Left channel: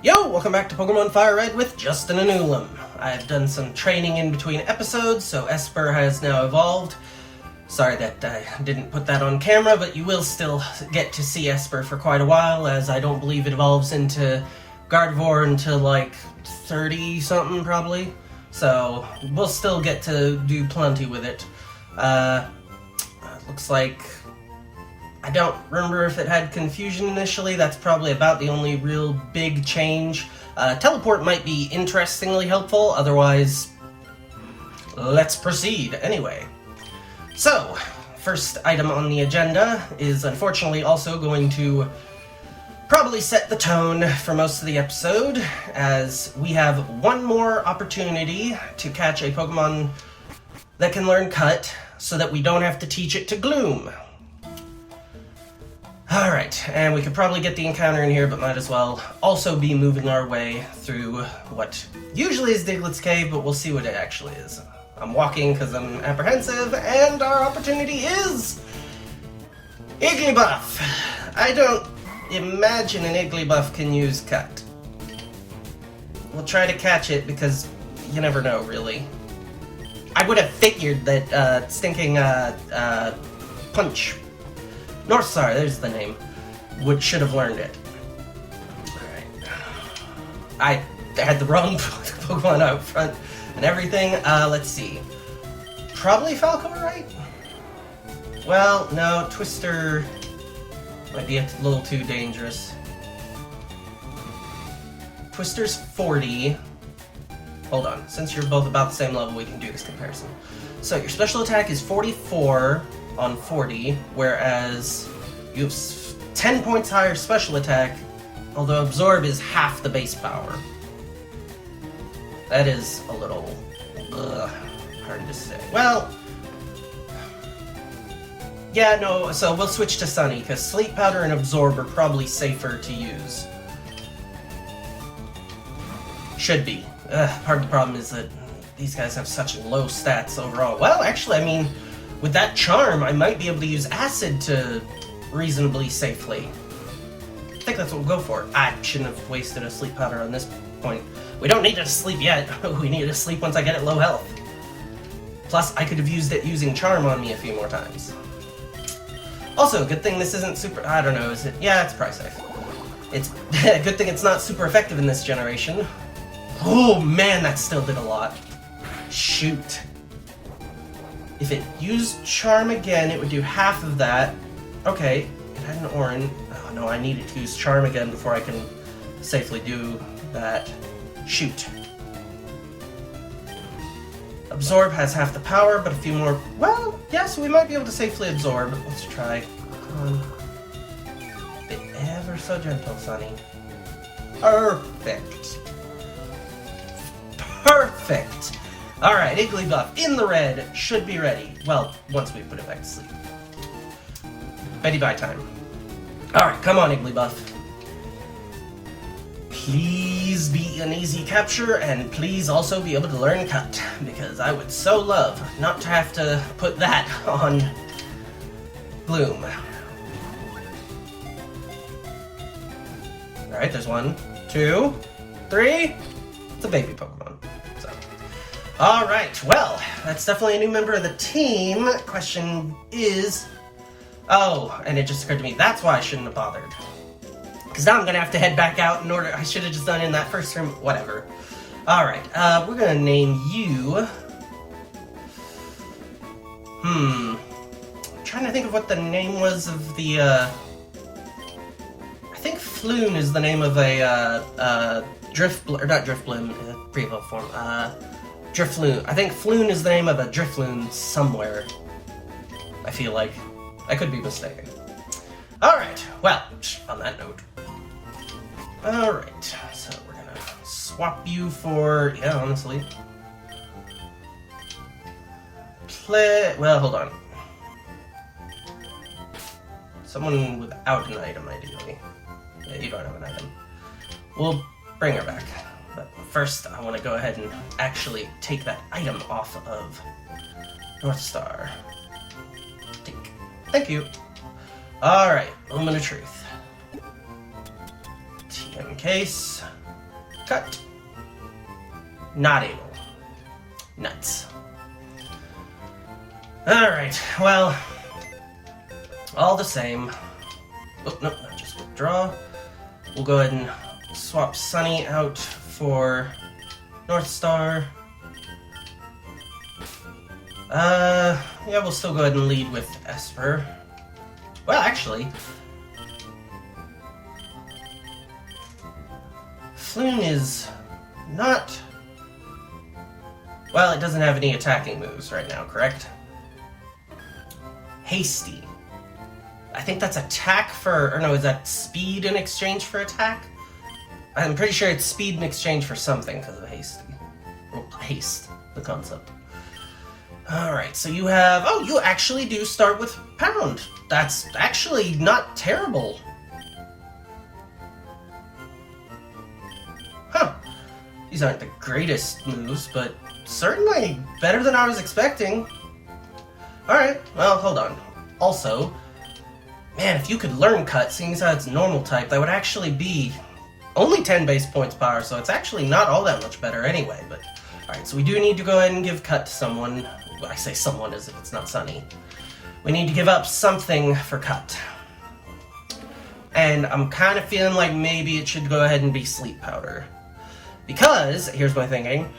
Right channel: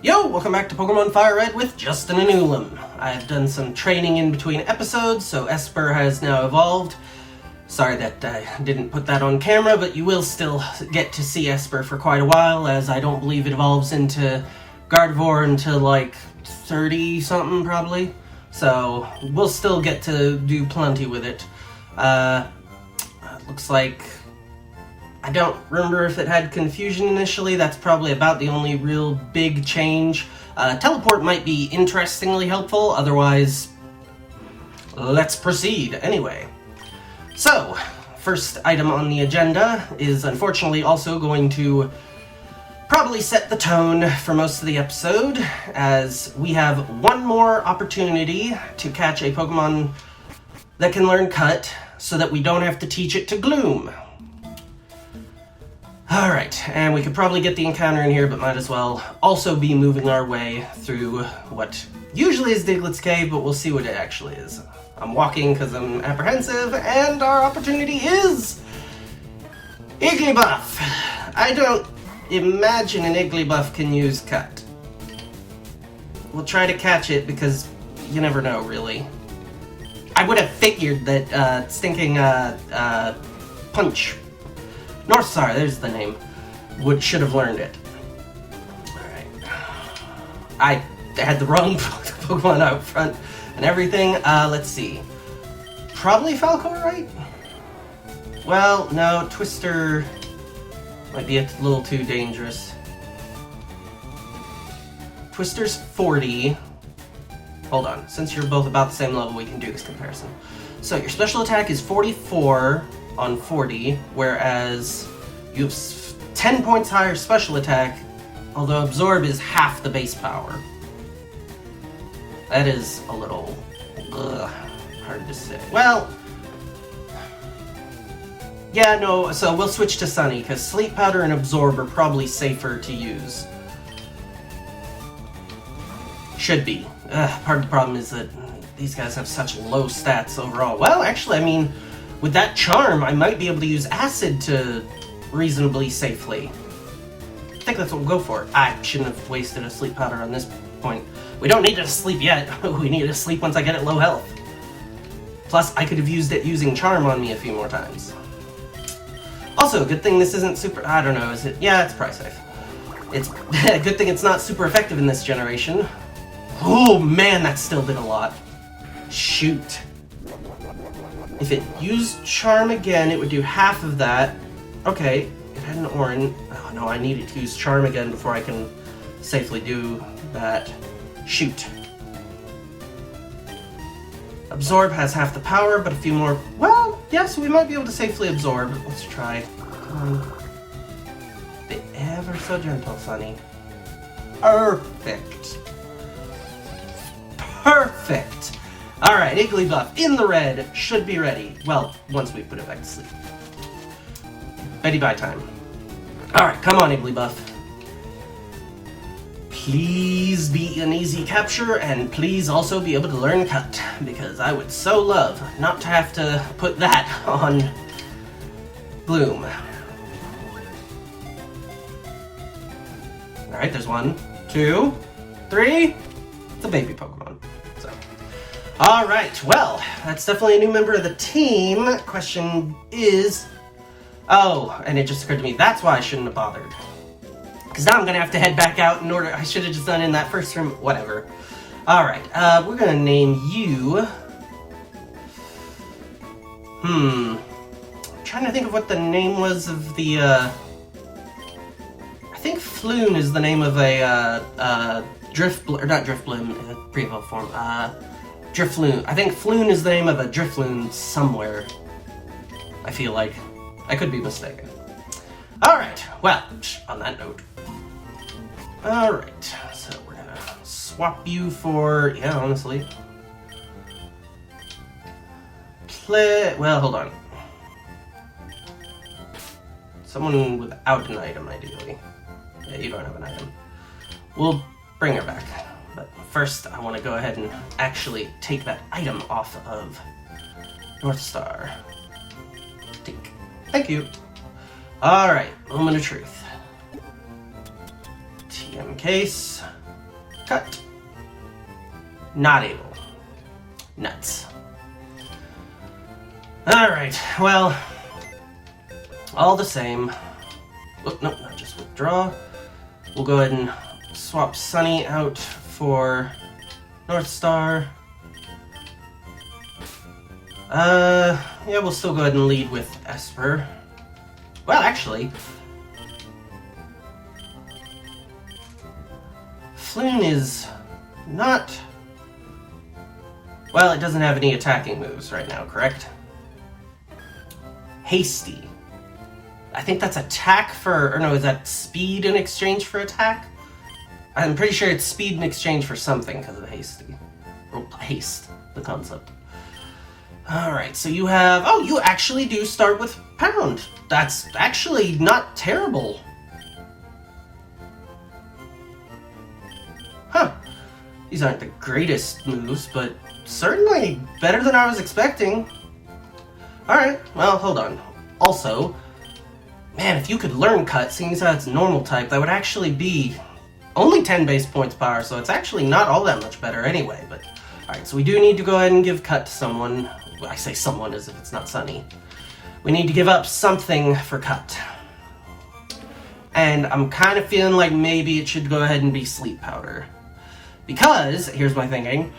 Yo, welcome back to Pokemon Fire Red with Justin and Ulam. I've done some training in between episodes, so Esper has now evolved. Sorry that I didn't put that on camera, but you will still get to see Esper for quite a while, as I don't believe it evolves into Gardevoir until like 30-something probably. So we'll still get to do plenty with it. Looks like... I don't remember if it had confusion initially. That's probably about the only real big change. Teleport might be interestingly helpful, otherwise, let's proceed anyway. So, first item on the agenda is unfortunately also going to probably set the tone for most of the episode, as we have one more opportunity to catch a Pokemon that can learn Cut, so that we don't have to teach it to Gloom. Alright, and we could probably get the encounter in here, but might as well also be moving our way through what usually is Diglett's Cave, but we'll see what it actually is. I'm walking because I'm apprehensive, and our opportunity is... Igglybuff! I don't imagine an Igglybuff can use Cut. We'll try to catch it, because you never know, really. I would have figured that stinking Punch... North Star, there's the name. Should have learned it. Alright. I had the wrong Pokemon out front and everything. Let's see. Probably Falcor, right? Well, no, Twister might be a little too dangerous. Twister's 40. Hold on, since you're both about the same level, we can do this comparison. So your special attack is 44 on 40, whereas you have 10 points higher special attack, although Absorb is half the base power. That is a little hard to say. Well, yeah, no, so we'll switch to Sunny, because Sleep Powder and Absorb are probably safer to use. Should be. Part of the problem is that these guys have such low stats overall. Well, actually, I mean, with that charm, I might be able to use Acid to reasonably safely. I think that's what we'll go for. I shouldn't have wasted a Sleep Powder on this point. We don't need to sleep yet. We need to sleep once I get at low health. Plus, I could have used it using Charm on me a few more times. Also, good thing this isn't super... I don't know, is it... Yeah, it's probably safe. It's a good thing it's not super effective in this generation. Oh man, that still did a lot. Shoot. If it used Charm again, it would do half of that. Okay, it had an Orin. Oh no, I needed to use Charm again before I can safely do that. Shoot. Absorb has half the power, but a few more... Well, yeah, so we might be able to safely absorb. Let's try. The ever so gentle, Sunny. Perfect. Perfect. Alright, Igglybuff in the red, should be ready. Well, once we put it back to sleep. Ready by time. Alright, come on, Igglybuff. Please be an easy capture, and please also be able to learn Cut, because I would so love not to have to put that on Gloom. Alright, there's 1, 2, 3. It's a baby Pokemon. Alright, well, that's definitely a new member of the team. Question is... Oh, and it just occurred to me, that's why I shouldn't have bothered. Because now I'm going to have to head back out in order... I should have just done in that first room, whatever. Alright, we're going to name you... I'm trying to think of what the name was of the, I think Floon is the name of a, or not Drifloon, pre-evolved form, Drifloon. I think Floon is the name of a Drifloon somewhere. I feel like. I could be mistaken. Alright, well, on that note. Alright, so we're gonna swap you for... Yeah, honestly. Well, hold on. Someone without an item, ideally. Yeah, you don't have an item. We'll bring her back. But first, I want to go ahead and actually take that item off of North Star. Tink. Thank you. Alright, Moment of Truth. TM case. Cut. Not able. Nuts. Alright, well, all the same. Oh, no, not just withdraw. We'll go ahead and swap Sunny out for North Star. Yeah, we'll still go ahead and lead with Esper. Well, actually, Floon is not... Well, it doesn't have any attacking moves right now, correct? Hasty. I think that's attack for... Or no, is that speed in exchange for attack? I'm pretty sure it's speed in exchange for something because of hasty. Or haste, the concept. Alright, so you have... Oh, you actually do start with Pound. That's actually not terrible. Huh. These aren't the greatest moves, but certainly better than I was expecting. Alright, well, hold on. Also, man, if you could learn Cut, seeing as how it's normal type, that would actually be only 10 base points power, so it's actually not all that much better anyway. But alright, so we do need to go ahead and give Cut to someone. Well, I say someone as if it's not Sunny. We need to give up something for Cut. And I'm kind of feeling like maybe it should go ahead and be Sleep Powder. Because, here's my thinking,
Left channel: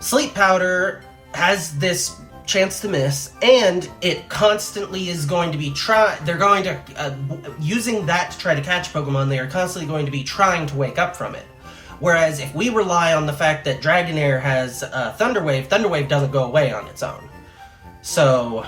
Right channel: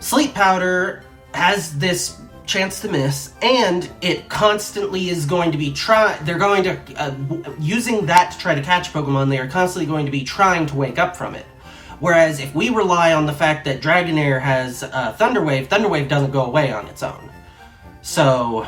Sleep Powder has this chance to miss, and it constantly is going to be they're going to, using that to try to catch Pokemon, they are constantly going to be trying to wake up from it. Whereas if we rely on the fact that Dragonair has Thunder Wave, Thunder Wave doesn't go away on its own. So,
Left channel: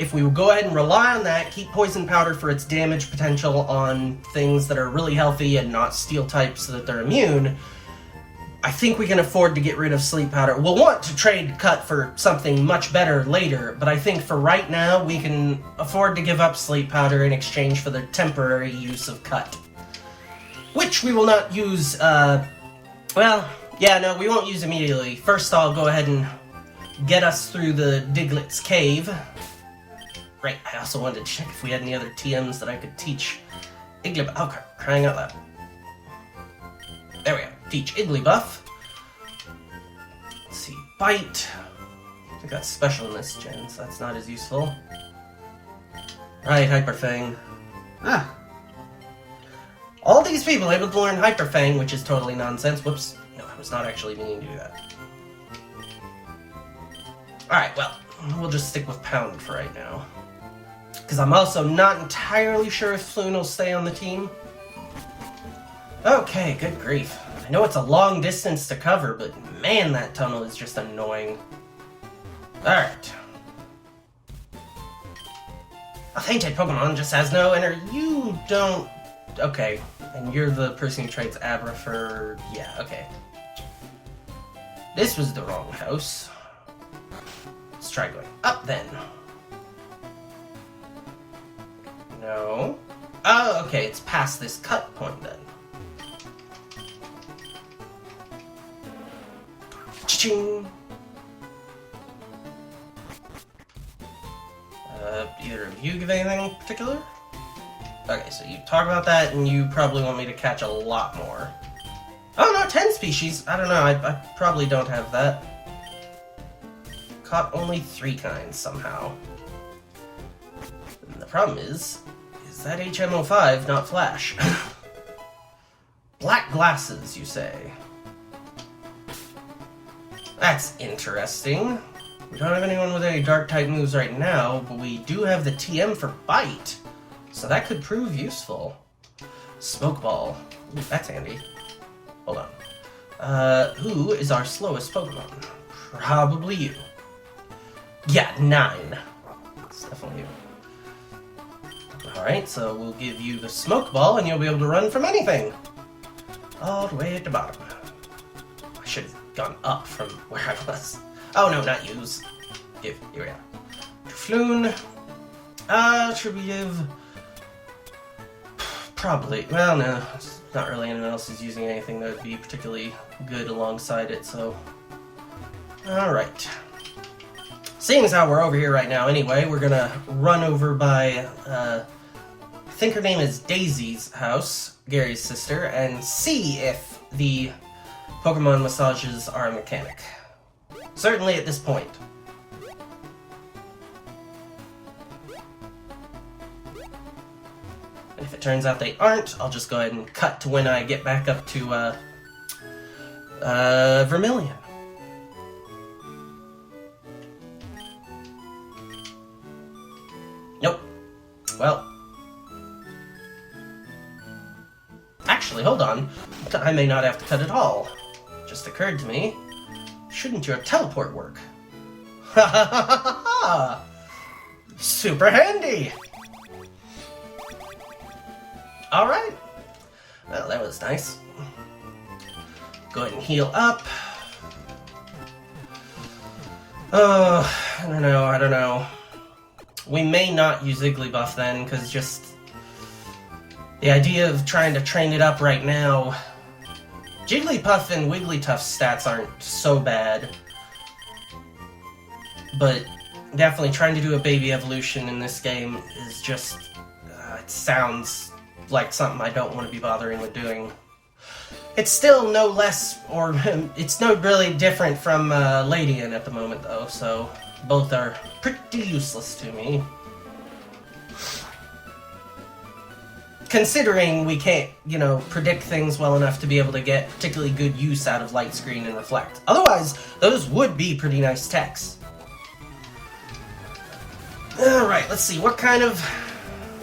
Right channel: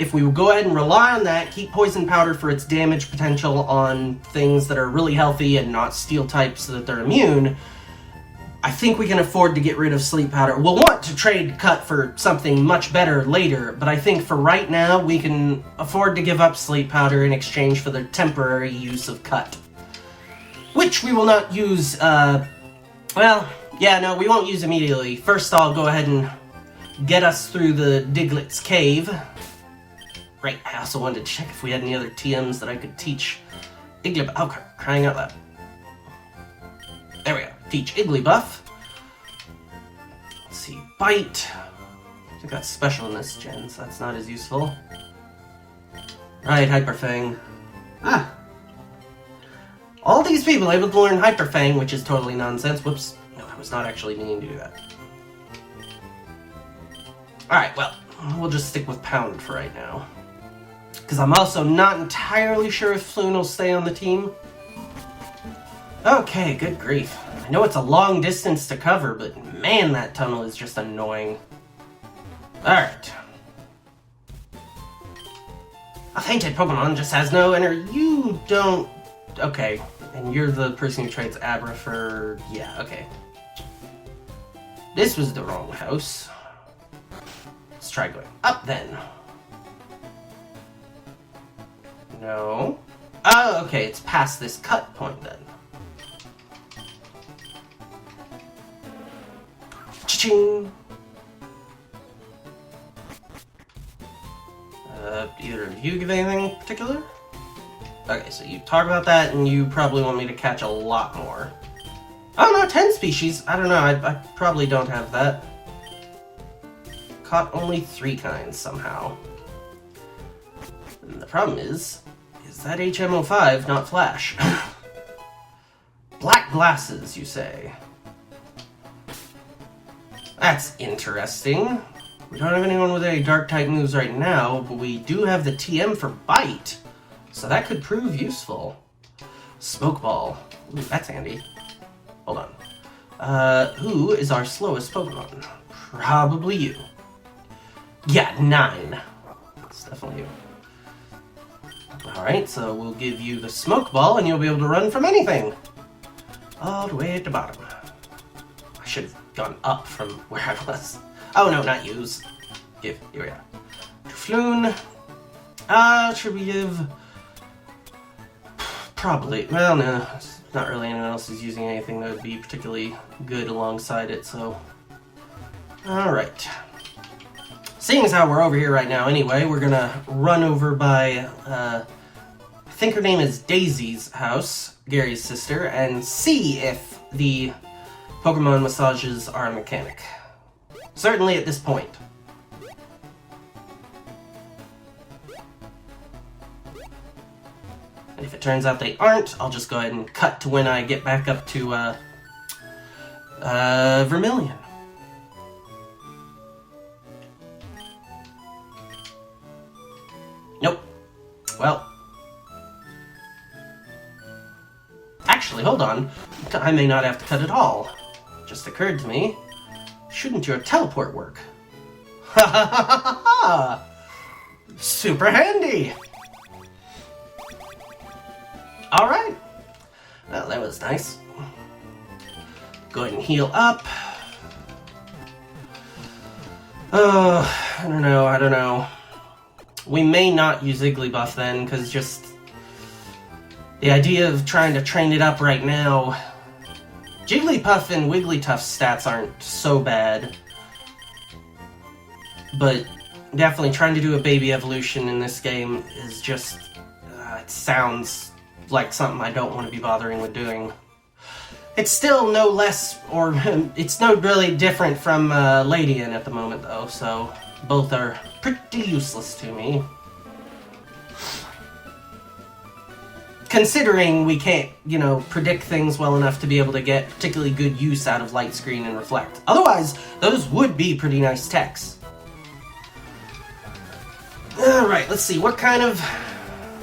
if we go ahead and rely on that, keep Poison Powder for its damage potential on things that are really healthy and not Steel type so that they're immune, I think we can afford to get rid of Sleep Powder. We'll want to trade Cut for something much better later, but I think for right now, we can afford to give up Sleep Powder in exchange for the temporary use of Cut. Which we will not use, well, yeah, no, we won't use immediately. First, I'll go ahead and get us through the Diglett's Cave. Right, I also wanted to check if we had any other TMs that I could teach Igglybuff. Oh, crying out loud. There we go. Teach Igglybuff. Let's see, Bite. I think that's special in this gen, so that's not as useful. Right, Hyper Fang. Ah. All these people able to learn Hyper Fang, which is totally nonsense. Whoops. No, I was not actually meaning to do that. Alright, well, we'll just stick with Pound for right now. Because I'm also not entirely sure if Floon will stay on the team. Okay, good grief. I know it's a long distance to cover, but man, that tunnel is just annoying. Alright. A fainted Pokemon just has no energy. You don't... Okay. And you're the person who trades Abra for... Yeah, okay. This was the wrong house. Let's try going up then. No. Oh, okay, it's past this cut point then. Cha-ching! Either of you give anything particular? Okay, so you talk about that, and you probably want me to catch a lot more. Oh no, 10 species! I don't know, I probably don't have that. Caught only 3 kinds, somehow. And the problem is that HM05, not Flash. Black glasses, you say? That's interesting. We don't have anyone with any Dark-type moves right now, but we do have the TM for Bite. So that could prove useful. Smoke Ball. Ooh, that's handy. Hold on. Who is our slowest Pokemon? Probably you. Yeah, 9. It's definitely you. Alright, so we'll give you the Smoke Ball and you'll be able to run from anything. All the way at the bottom. I should have gone up from where I was. Oh no, not use. Give. Here we are. Floon. Should we give... Probably. Well, no. It's not really anyone else who's using anything that would be particularly good alongside it, so... Alright. Seeing as how we're over here right now anyway, we're gonna run over by, I think her name is Daisy's house, Gary's sister, and see if the Pokemon massages are a mechanic. Certainly at this point. And if it turns out they aren't, I'll just go ahead and cut to when I get back up to, Vermilion. Nope. Well. Actually, hold on. I may not have to cut at all. Just occurred to me. Shouldn't your teleport work? Ha ha ha ha ha! Super handy! Alright. Well, that was nice. Go ahead and heal up. Oh, I don't know. We may not use Igglybuff then, because just the idea of trying to train it up right now. Jigglypuff and Wigglytuff's stats aren't so bad, but definitely trying to do a baby evolution in this game is just, it sounds like something I don't want to be bothering with doing. It's still no less, or it's no really different from Ladian at the moment though, so both are pretty useless to me. Considering we can't, predict things well enough to be able to get particularly good use out of Light Screen and Reflect. Otherwise, those would be pretty nice techs. Alright, let's see, what kind of...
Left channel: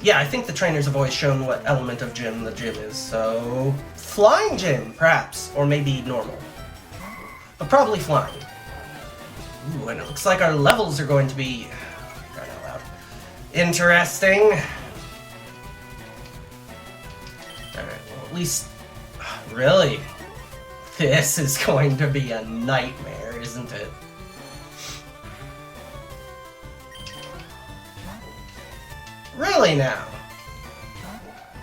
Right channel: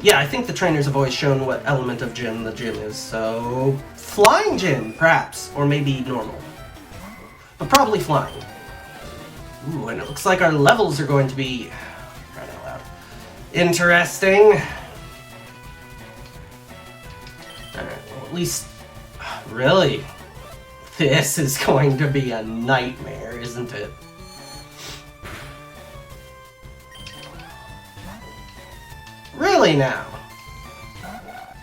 Yeah, I think the trainers have always shown what element of gym the gym is, so... Flying gym, perhaps, or maybe normal. But probably flying. Ooh, and it looks like our levels are going to be... Right out loud. Interesting. At least, really, this is going to be a nightmare, isn't it? Really now?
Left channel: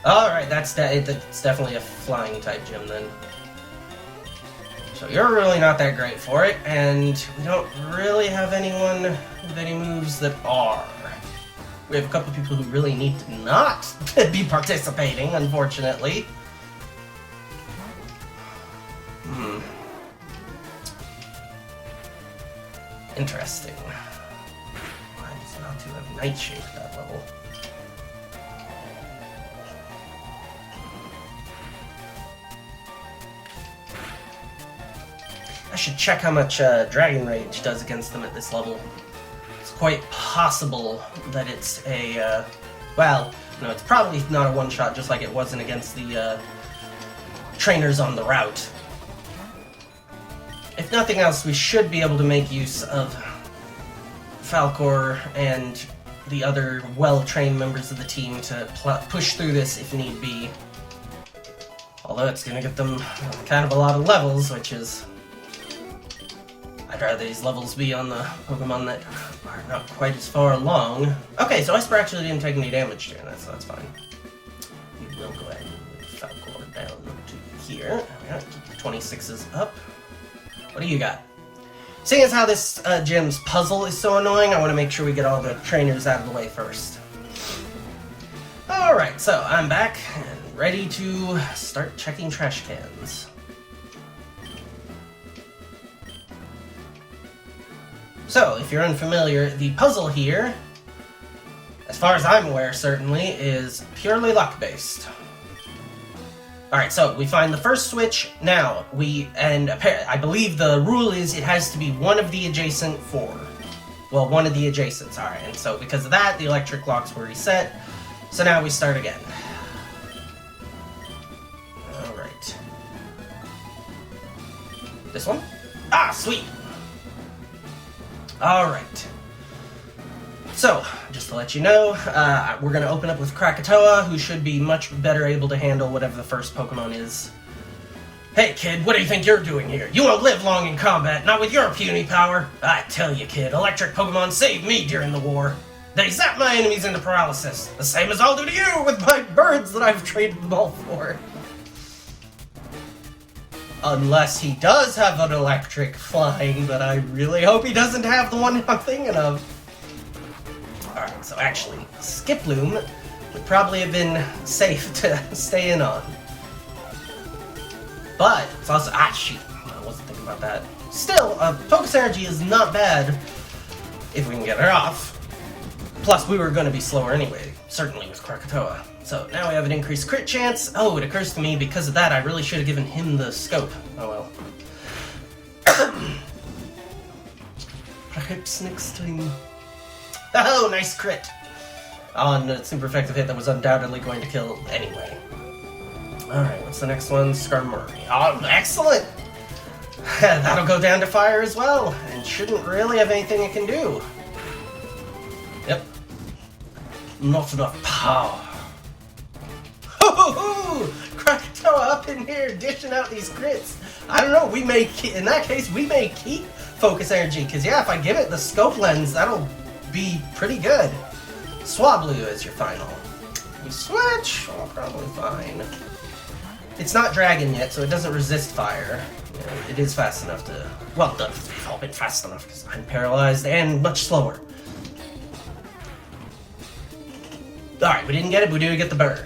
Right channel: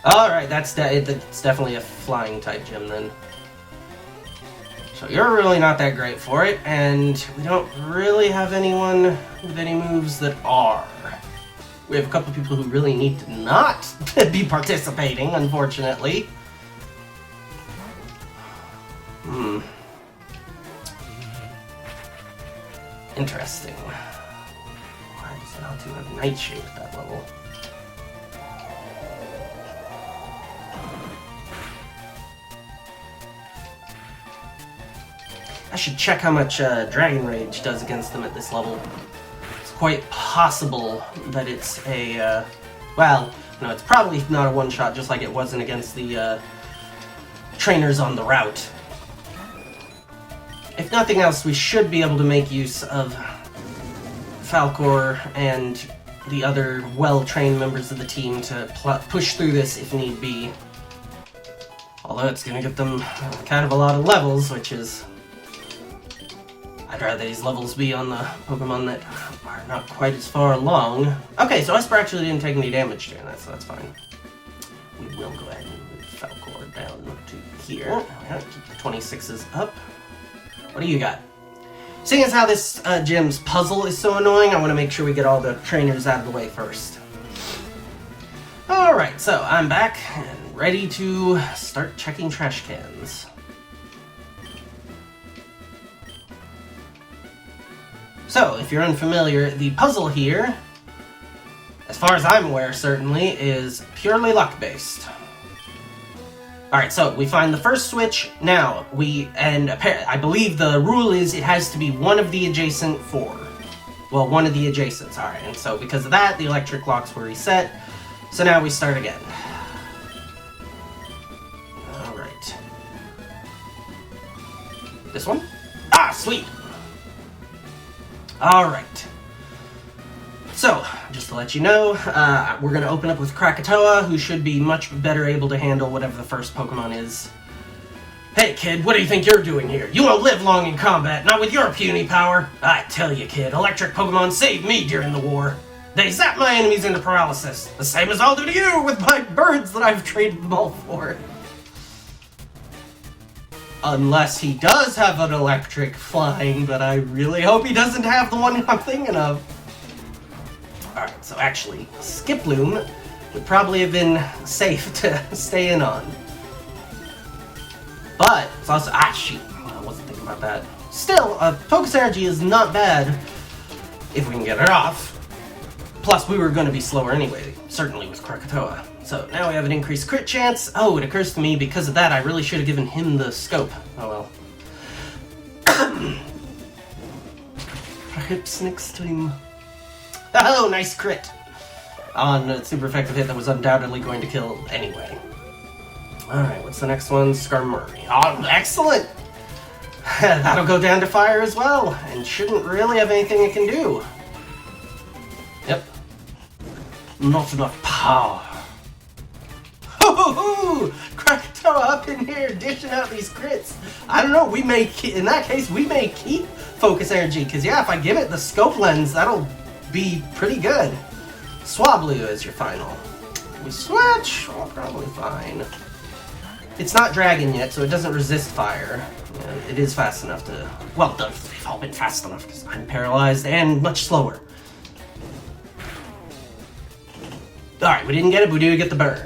Alright, that's definitely a flying type gym then. So you're really not that great for it, and we don't really have anyone with any moves that are. We have a couple people who really need to not be participating, unfortunately. Interesting. Why does it not do a Nightshade at that level? I should check how much Dragon Rage does against them at this level. It's quite possible that it's a, well, no, it's probably not a one-shot, just like it wasn't against the trainers on the route. If nothing else, we should be able to make use of Falcor and the other well-trained members of the team to push through this if need be. Although it's going to get them kind of a lot of levels, which is... I'd rather these levels be on the Pokemon that are not quite as far along. Okay, so Esper actually didn't take any damage during that, so that's fine. We will go ahead and move Falcor down to here. Alright, keep the 26s up. What do you got? Seeing as how this gym's puzzle is so annoying, I want to make sure we get all the trainers out of the way first. Alright, so I'm back and ready to start checking trash cans. So, if you're unfamiliar, the puzzle here, as far as I'm aware certainly, is purely luck-based. Alright, so we find the first switch. Now, I believe the rule is it has to be one of the adjacent four. Well, one of the adjacents, alright. And so because of that, the electric locks were reset. So now we start again. Alright. This one? Ah, sweet! Alright. So, just to let you know, we're going to open up with Krakatoa, who should be much better able to handle whatever the first Pokemon is. Hey kid, what do you think you're doing here? You won't live long in combat, not with your puny power. I tell you kid, electric Pokemon saved me during the war. They zap my enemies into paralysis, the same as I'll do to you with my birds that I've traded them all for. Unless he does have an electric flying, but I really hope he doesn't have the one I'm thinking of. Alright, so actually, Skiploom would probably have been safe to stay in on. But, it's also, shoot, about that. Still, focus energy is not bad if we can get it off. Plus, we were going to be slower anyway, certainly with Krakatoa. So now we have an increased crit chance. Oh, it occurs to me because of that I really should have given him the scope. Oh well. Perhaps next time. Oh, nice crit! On a super effective hit that was undoubtedly going to kill anyway. Alright, what's the next one? Skarmory. Oh, excellent! That'll go down to fire as well, and shouldn't really have anything it can do. Yep. Not enough power. Ho-ho-ho! Krakatoa up in here dishing out these crits. I don't know, we may, in that case, we may keep focus energy, because yeah, if I give it the scope lens, that'll be pretty good. Swablu is your final. We switch? Oh, probably fine. It's not dragon yet, so it doesn't resist fire. It is fast enough to... Well, it's all been fast enough, because I'm paralyzed and much slower. Alright, we didn't get it, but we do get the burn.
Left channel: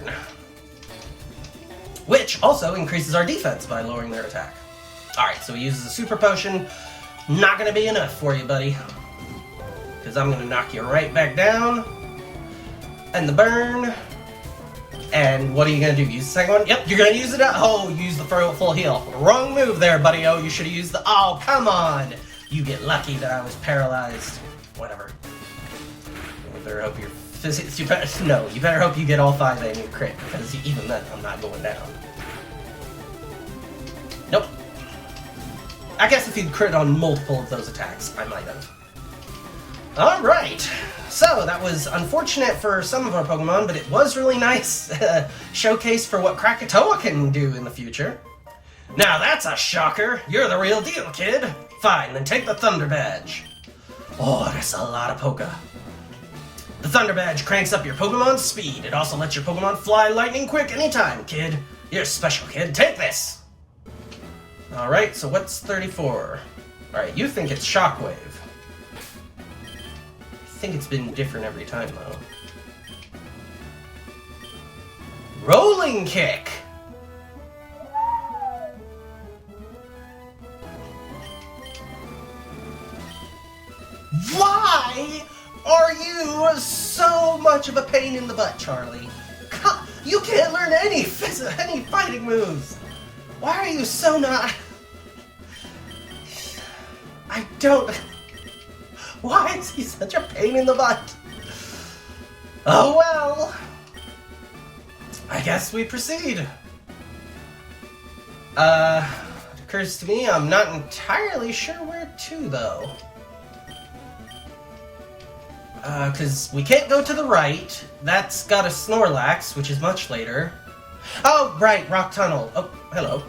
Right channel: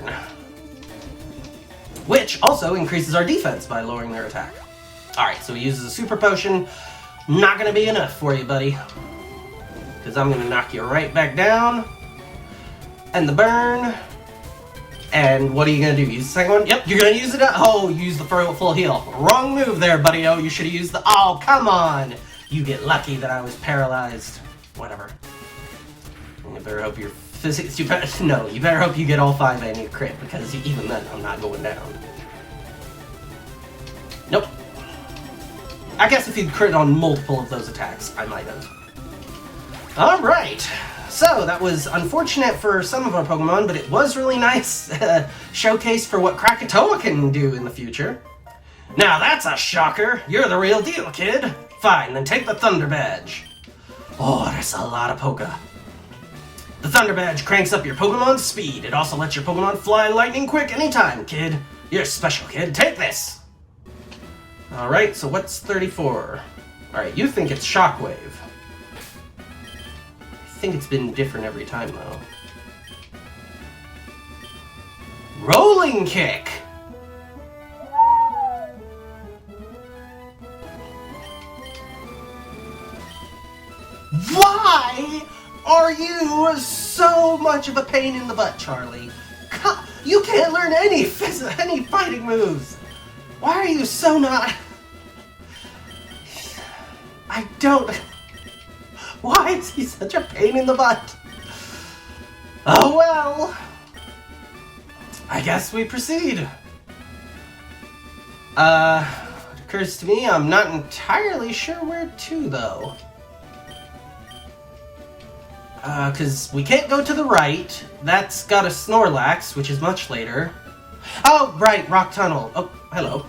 Which also increases our defense by lowering their attack. Alright, so he uses a super potion. Not gonna be enough for you, buddy. Because I'm gonna knock you right back down. And the burn. And what are you gonna do? Use the second one? Yep, you're gonna use it. Oh, use the full heal. Wrong move there, buddy. Oh, you should have used the... Oh, come on! You get lucky that I was paralyzed. Whatever. You better hope your physics... You better hope you get all 5 and you crit, because even then, I'm not going down. Nope. I guess if you'd crit on multiple of those attacks, I might have. Alright. So, that was unfortunate for some of our Pokemon, but it was really nice showcase for what Krakatoa can do in the future. Now that's a shocker! You're the real deal, kid! Fine, then take the Thunder Badge. Oh, that's a lot of Poké. The Thunder Badge cranks up your Pokemon's speed. It also lets your Pokemon fly lightning quick anytime, kid. You're special, kid. Take this! Alright, so what's 34? Alright, you think it's Shockwave. I think it's been different every time, though. Rolling Kick! Why are you so much of a pain in the butt, Charlie? You can't learn any fighting moves! Why are you so not... I don't... Why is he such a pain in the butt? Oh well. I guess we proceed. It occurs to me I'm not entirely sure where to, though. Because we can't go to the right. That's got a Snorlax, which is much later. Oh, right, Rock Tunnel. Oh, hello.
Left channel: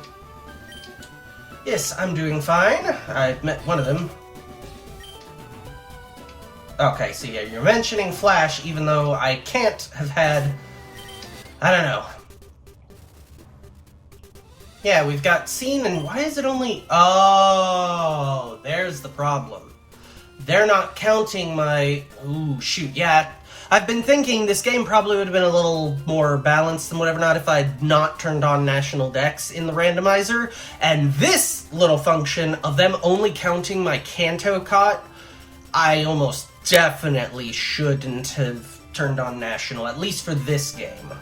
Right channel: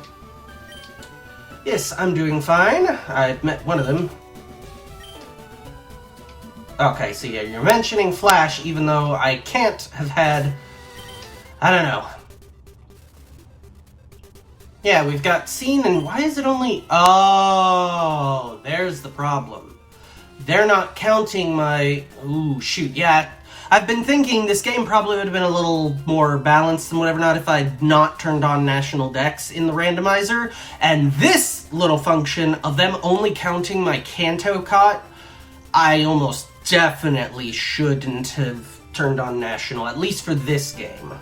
Yes, I'm doing fine. I've met one of them. Okay, so yeah, you're mentioning Flash, even though I can't have had... I don't know. Yeah, we've got Scene, and why is it only... Oh, there's the problem. They're not counting my... Ooh, shoot, yeah. I've been thinking this game probably would have been a little more balanced and whatever not if I'd not turned on National Dex in the randomizer. And this little function of them only counting my Kanto Cot, I almost definitely shouldn't have turned on National, at least for this game.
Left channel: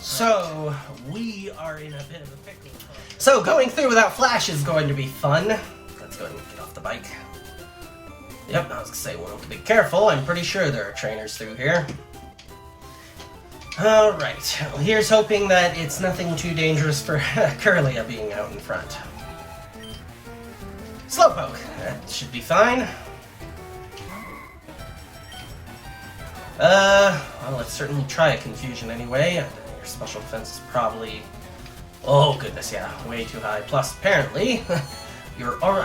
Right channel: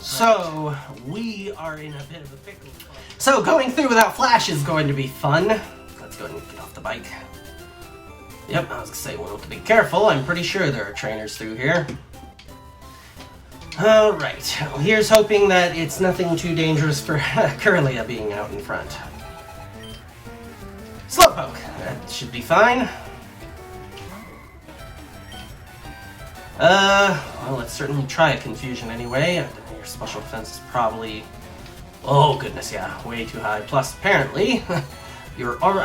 So, we are in a bit of a pickle. So, going through without Flash is going to be fun. Let's go ahead and get off the bike. Yep, I was gonna say, well, be careful. I'm pretty sure there are trainers through here. Alright, well, here's hoping that it's nothing too dangerous for Curlia being out in front. Slowpoke, that should be fine. Well, let's certainly try a Confusion anyway. Your special defense is probably... Oh, goodness, yeah, way too high. Plus, apparently, I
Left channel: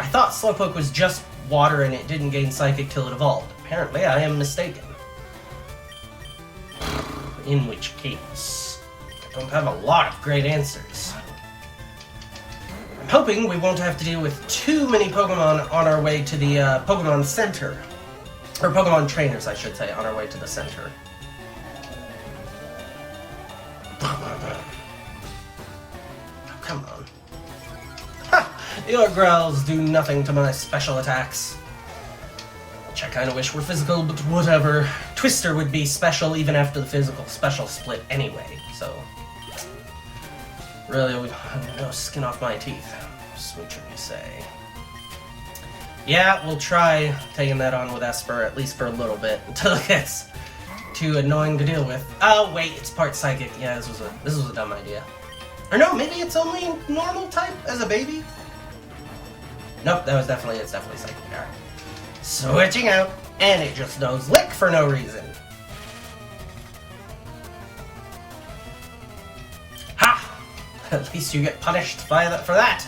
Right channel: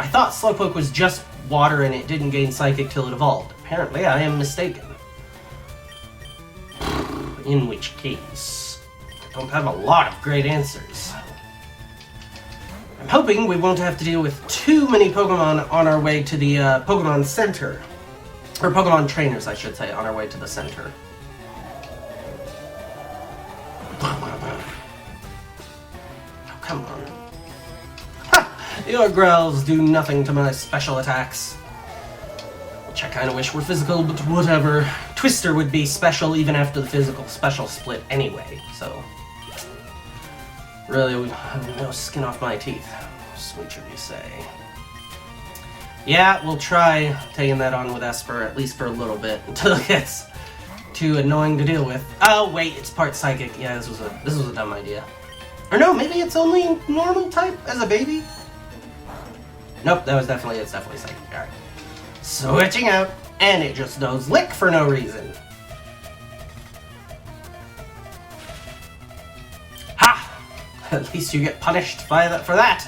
thought Slowpoke was just water and it didn't gain Psychic till it evolved. Apparently, I am mistaken. In which case, I don't have a lot of great answers. I'm hoping we won't have to deal with too many Pokemon on our way to the Pokemon Center. Or Pokemon Trainers, I should say, on our way to the center. Oh, come on. Ha! Your growls do nothing to my special attacks. Which I kind of wish were physical, but whatever. Twister would be special even after the physical special split anyway, so... Really, no skin off my teeth. Sweet, you say. Yeah, we'll try taking that on with Esper, at least for a little bit, until it gets too annoying to deal with. Oh, wait, it's part psychic. Yeah, this was a dumb idea. Or no, maybe it's only normal type as a baby? Nope, it's definitely psychic. Alright. Switching out, and it just knows Lick for no reason. Ha! At least you get punished for that.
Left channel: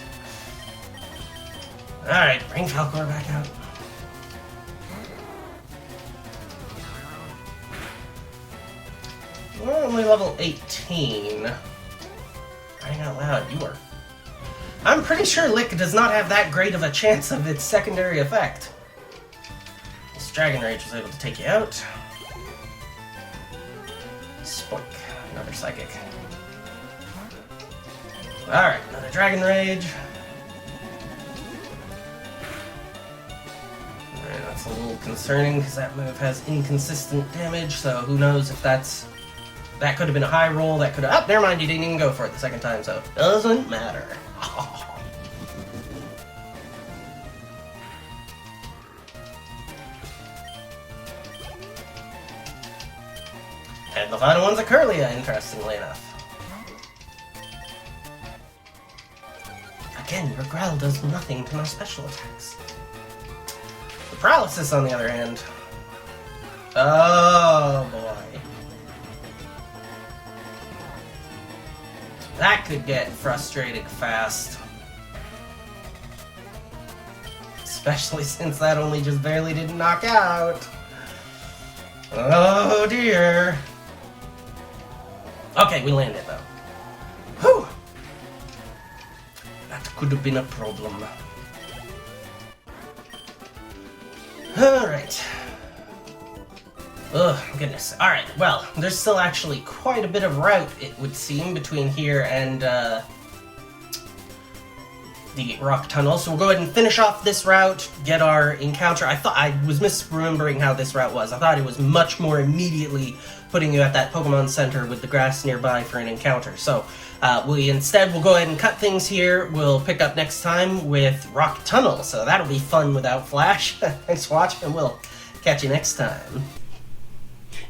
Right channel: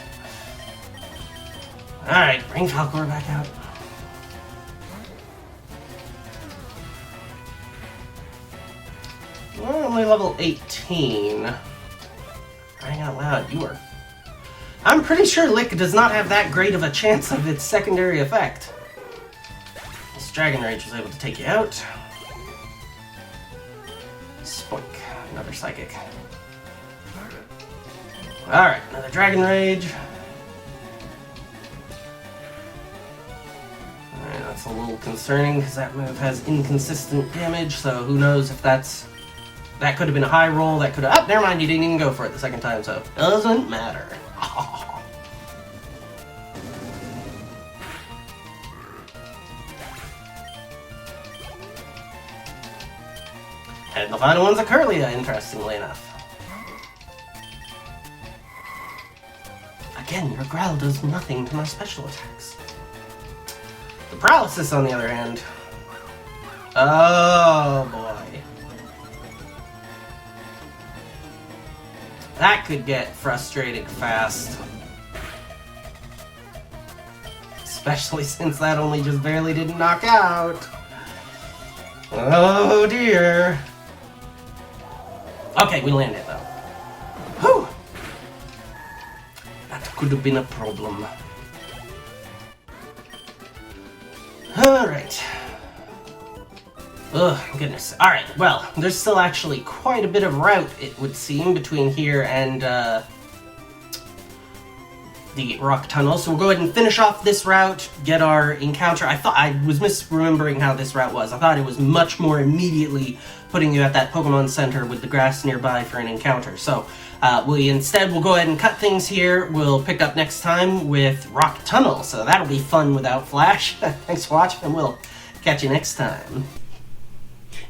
Alright, bring Falcor back out. We're only level 18. Crying out loud, you are... I'm pretty sure Lick does not have that great of a chance of its secondary effect. This Dragon Rage was able to take you out. Spoink, another Psychic. Alright, another Dragon Rage. Alright, that's a little concerning because that move has inconsistent damage, so who knows if that's... That could have been a high roll, that could have... Oh, never mind, you didn't even go for it the second time, so... Doesn't matter. And the final one's a Curlia, interestingly enough. Again, your growl does nothing to my special attacks. The Paralysis, on the other hand... Oh, boy. That could get frustrating fast. Especially since that only just barely didn't knock out. Oh dear. Okay, we landed though. Whew! That could have been a problem. Alright. Ugh, goodness. Alright, well, there's still actually quite a bit of route, it would seem, between here and, the rock tunnel. So we'll go ahead and finish off this route, get our encounter. I was misremembering how this route was. I thought it was much more immediately putting you at that Pokemon Center with the grass nearby for an encounter. So, we'll go ahead and cut things here. We'll pick up next time with Rock Tunnel. So that'll be fun without Flash. Thanks for watching, and we'll catch you next time.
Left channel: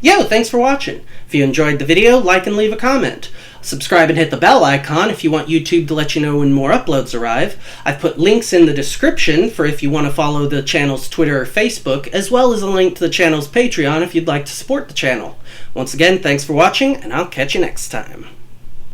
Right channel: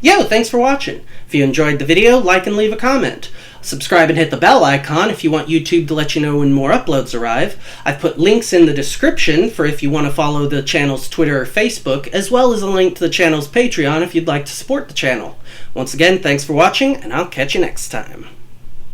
Yo, thanks for watching. If you enjoyed the video, like and leave a comment. Subscribe and hit the bell icon if you want YouTube to let you know when more uploads arrive. I've put links in the description for if you want to follow the channel's Twitter or Facebook, as well as a link to the channel's Patreon if you'd like to support the channel. Once again, thanks for watching, and I'll catch you next time.